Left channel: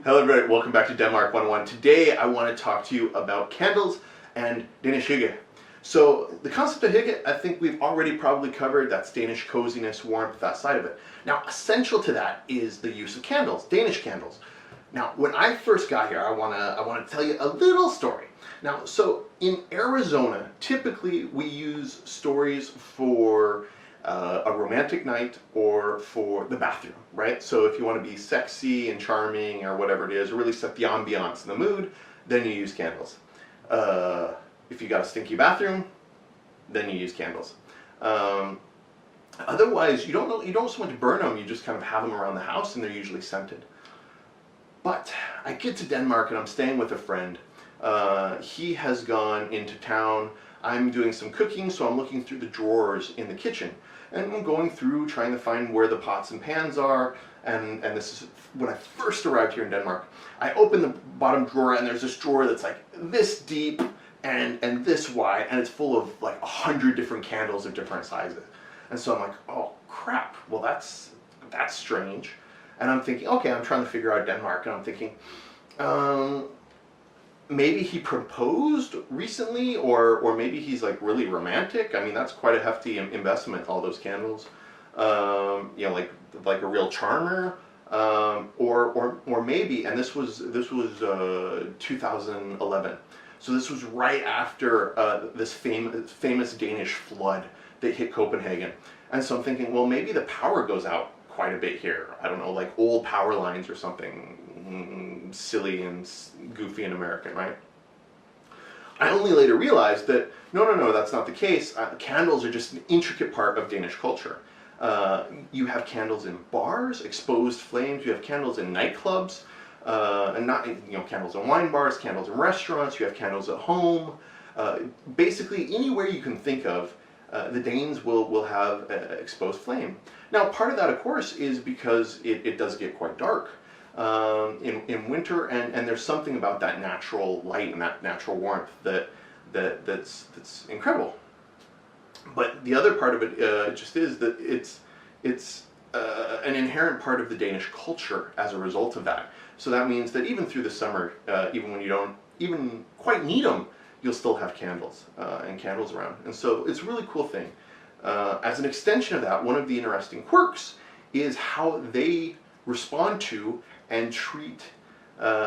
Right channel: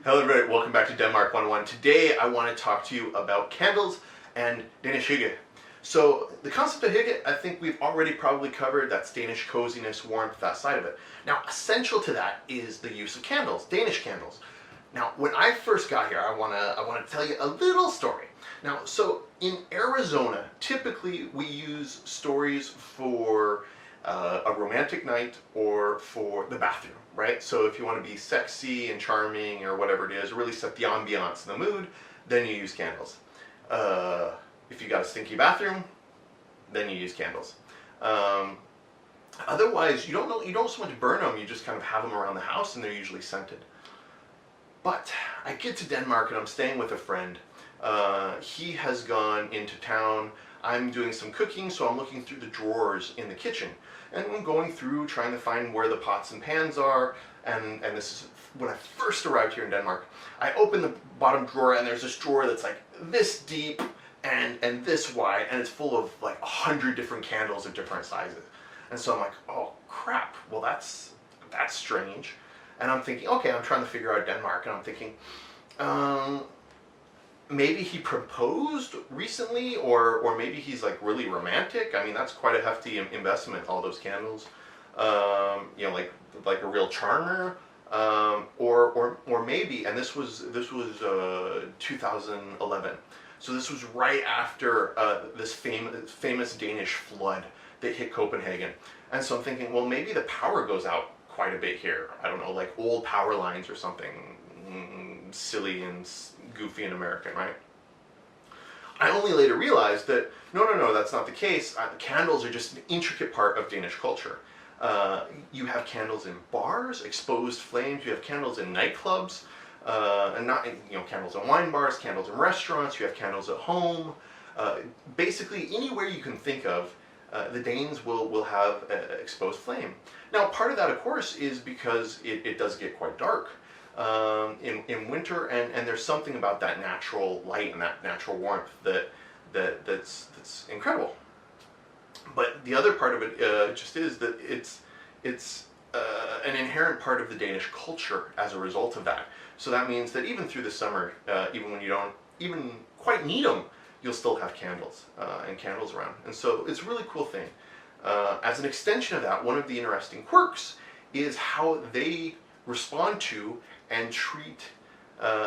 Hello everybody, welcome back to Denmark 101. Today I want to talk to you about candles and Danish hygge. So the concept of hygge, I think we've already probably covered. That's Danish coziness, warmth, that side of it. Now essential to that is the use of candles, Danish candles. Now when I first got here, I want to tell you a little story. Now so in Arizona, typically we use stories for a romantic night or for the bathroom, right? So if you want to be sexy and charming or whatever it is, or really set the ambiance and the mood, then you use candles. If you got a stinky bathroom, then you use candles. Otherwise, you don't so much burn them, you just kind of have them around the house and they're usually scented. But I get to Denmark and I'm staying with a friend. He has gone into town. I'm doing some cooking, so I'm looking through the drawers in the kitchen. And I'm going through, trying to find where the pots and pans are. And this is when I first arrived here in Denmark. I open the bottom drawer and there's this drawer that's like this deep and this wide. And it's full of like 100 different candles of different sizes. And so I'm like, oh crap, well that's strange. And I'm thinking, okay, I'm trying to figure out Denmark. And I'm thinking, maybe he proposed recently, or maybe he's like really romantic. I mean, that's quite a hefty investment, all those candles. You know, like a real charmer. Or maybe, and this was 2011. So this was right after this famous Danish flood that hit Copenhagen. And so I'm thinking, well, maybe the power goes out quite a bit here. I don't know, like old power lines or something silly and goofy and American, right? I only later realized that no, that's not the case. Candles are just an intricate part of Danish culture. You have candles in bars, exposed flames. You have candles in nightclubs, and not candles in wine bars, candles in restaurants. You have candles at home. Basically, anywhere you can think of, the Danes will have exposed flame. Now, part of that, of course, is because it does get quite dark in winter, and there's something about that natural light and that natural warmth that's incredible. But the other part of it just is that it's an inherent part of the Danish culture as a result of that. So that means that even through the summer, even when you don't even quite need them, you'll still have candles and candles around. And so it's a really cool thing. As an extension of that, one of the interesting quirks is how they respond to and treat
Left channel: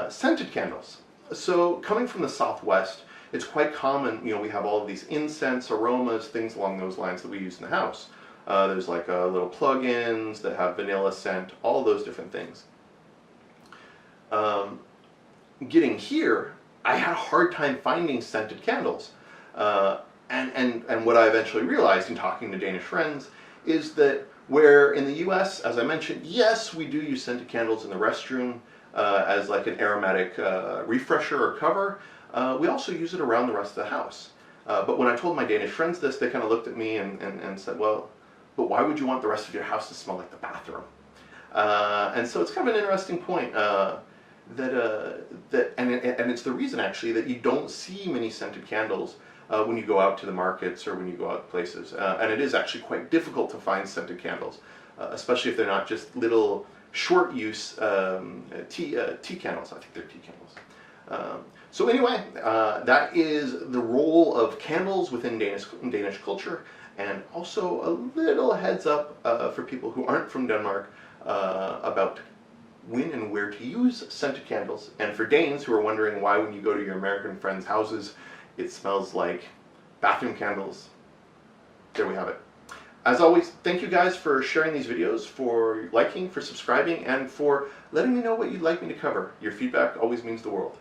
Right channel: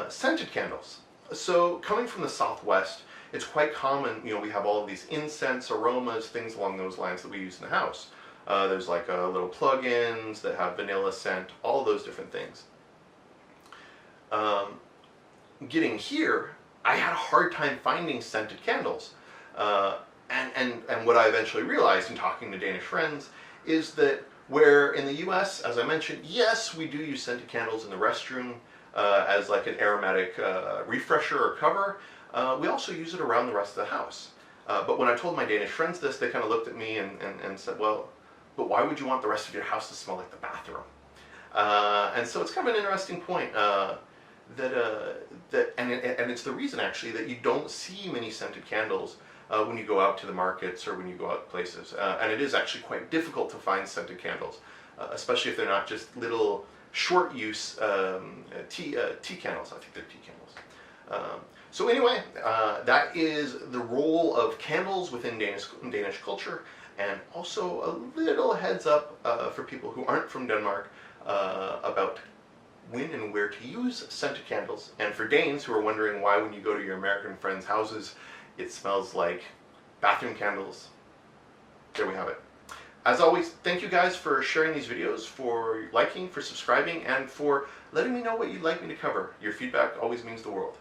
scented candles. So coming from the Southwest, it's quite common, we have all of these incense, aromas, things along those lines that we use in the house. There's like little plug-ins that have vanilla scent, all of those different things. Getting here, I had a hard time finding scented candles. And what I eventually realized in talking to Danish friends is that where in the US, as I mentioned, yes, we do use scented candles in the restroom as like an aromatic refresher or cover, we also use it around the rest of the house. But when I told my Danish friends this, they kind of looked at me and said, well, but why would you want the rest of your house to smell like the bathroom? And so it's kind of an interesting point. And it's the reason actually that you don't see many scented candles when you go out to the markets or when you go out places. And it is actually quite difficult to find scented candles, especially if they're not just little short use tea candles. I think they're tea candles. So anyway, that is the role of candles within Danish culture, and also a little heads up for people who aren't from Denmark about when and where to use scented candles. And for Danes who are wondering why when you go to your American friends' houses it smells like bathroom candles, there we have it. As always, thank you guys for sharing these videos, for liking, for subscribing, and for letting me know what you'd like me to cover. Your feedback always means the world.